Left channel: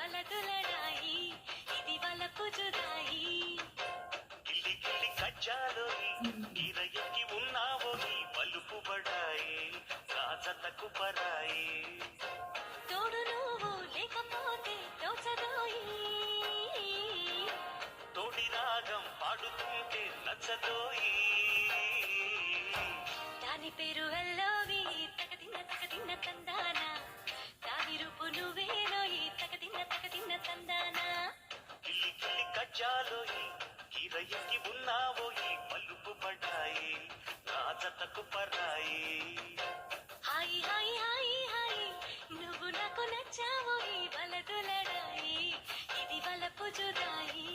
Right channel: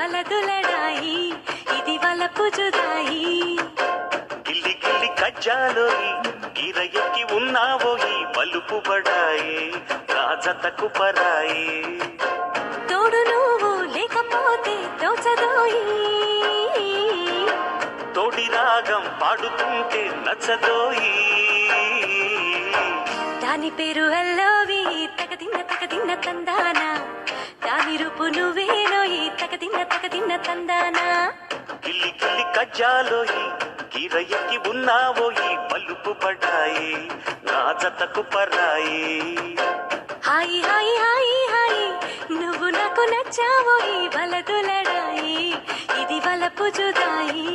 వలదులడాయి ఇది వలపు జుదాయి గిల్లి గిల్లి కజ్జాలోయి గిర ఎక్కి ఉన్నావోయి పలుపు బడాయి రాజతకు పరాయి. తోడు నువ్వు లేకపోతే తోచదోయి. తోడి రాగం పాడుతుంటే నచ్చదోయి. దాని పేరు అల్లోవి తగదిన్న తందానా. గిల్లి గిల్లి కజ్జాలోయి ఎక్కి ఉన్నావోయి పలుపు బడాయి రాజతకు పరాయి. హాయి హాయి హాయి హాయి నువ్వు నాకు నచ్చావోయి వలదులడాయి ఇది వలపు జుదాయి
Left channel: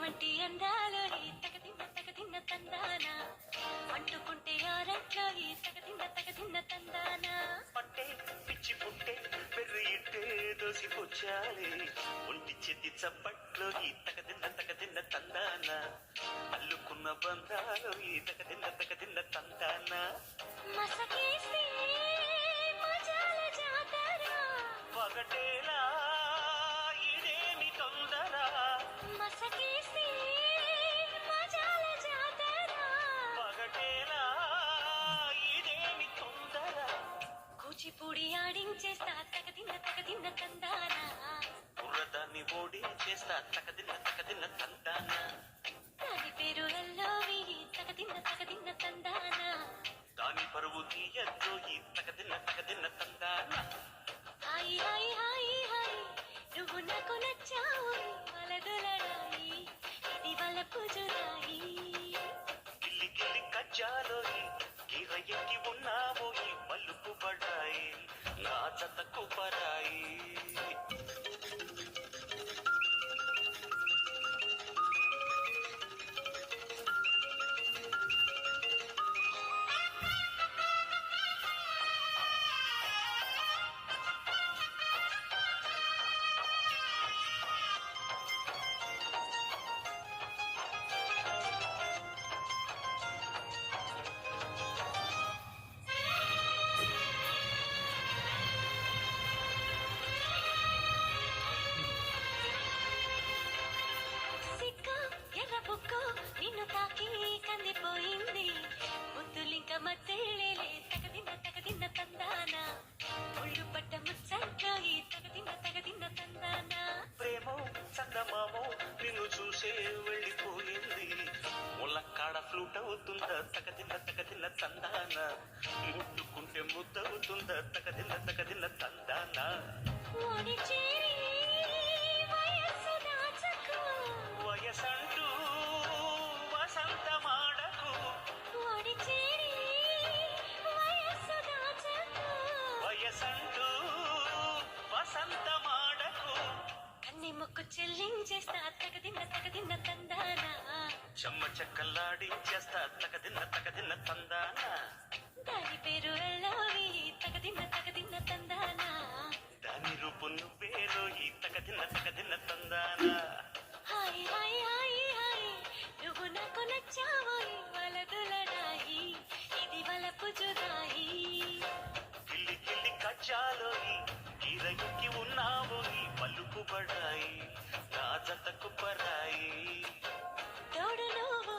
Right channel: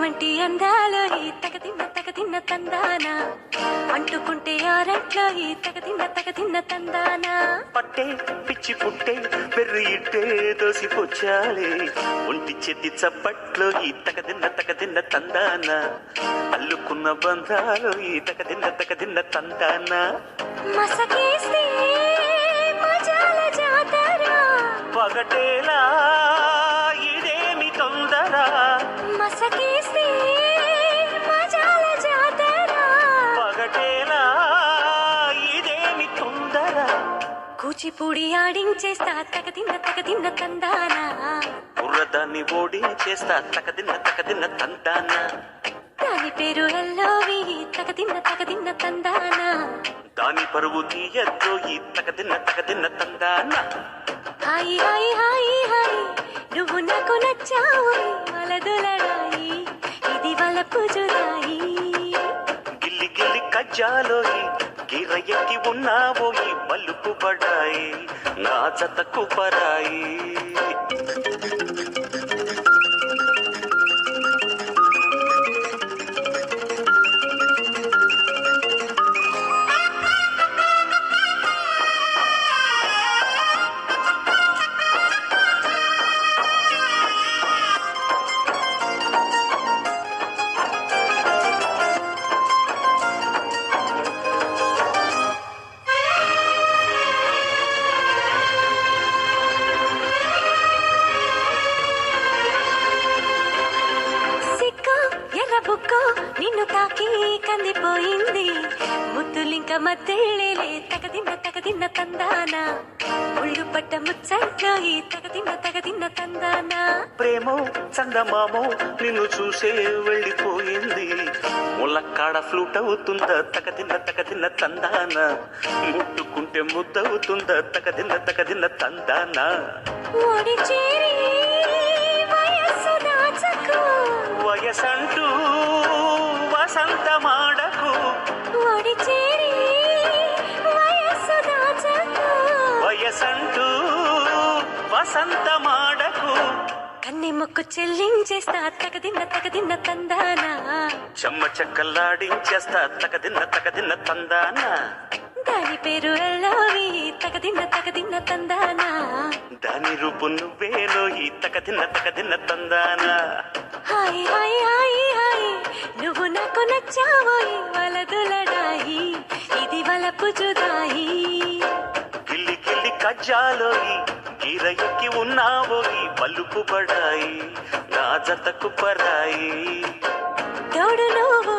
అద్దమంటి అందాలో ఈ తగదిన్న తగదిన్న తందాన. అంటుకుంటే ఆరట్లో ఈ తగదిన్న తగదిన్న తందాన. పట్టే పిచ్చి పుట్టే పెర్రి ఇట్టే దోసిపోచ్చాలే ఒంటి చెత్తి చప్పట్లో ఈ తకదిన్న తకదిన్న తందాన. అల్లుకున్న బంధాలు ఈ తకదిన్న తకదిన్న తందాన. మసకేస్తే మజాల జాతర. పగటేలా కూచిపూడి ఆడించేస్తా తగదిన్న తగదిన్న తందాన. బుర్రదాన్ని ఓడించేస్తా తకదిన్న తకదిన్న తందాన. దాని పేరు ఎల్లోవి తగదిన్న తగదిన్న తందాన. దాని పరువు తీయద్దు ఈ తకదిన్న తకదిన్న తందాన. హాయి హాయి హాయి హాయి నువ్వు నాకు నచ్చావు వలదులడాయి ఇది వలపు జుదాయి గిల్లి గిల్లి కజ్జాలోయి గిర ఎక్కి ఉన్నావోయి పలుపు పడాయి నా జతకు పరాయి. తాకి కందిపోయింది. ముద్దులింక మద్దెళ్ళేలే తగదిన్న తగదిన్న తందాన. ఒళ్ళు పట్ట ముచ్చట్లో ఈ తగదిన్న తగదిన్న తందాన. ప్రేమో చందమామో నిన్ను చూసే వెళ్ళిపోయింది. ములక్కాడ ఫ్లూట్ అవుతుందా తకదిన్న తకదిన్న తందాన. ముట్టుకుంటే ముద్దవుతుందా తకదిన్న తకదిన్న తందాన. ఓడి చేరి చేరి వయస్సు దాచకు. వయసంటూ వసంతమాడకు. కన్ని మొక్కు చెల్లించేస్తా తగదిన్న తగదిన్న తందాన? చెమ్మ చెక్కల్లాడించేస్తా తకదిన్న తకదిన్న తందాన? దాని పేరు ఎల్లోవి తగదిన్న తగదిన్న తందాన? దాని రూపు నువ్వేలో ఈ తకదిన్న తకదిన్న తందాన? హాయ్ హాయ్ హాయ్ హాయ్ నువ్వు నాకు నచ్చావోయి వలదులడాయి ఇది వలపు జుదాయి గిల్లి గిల్లి కజ్జాలోయి గీర ఎక్కి ఉన్నావోయి పలుపు పడాయి నా జతకు పరాయి. తోడు నువ్వు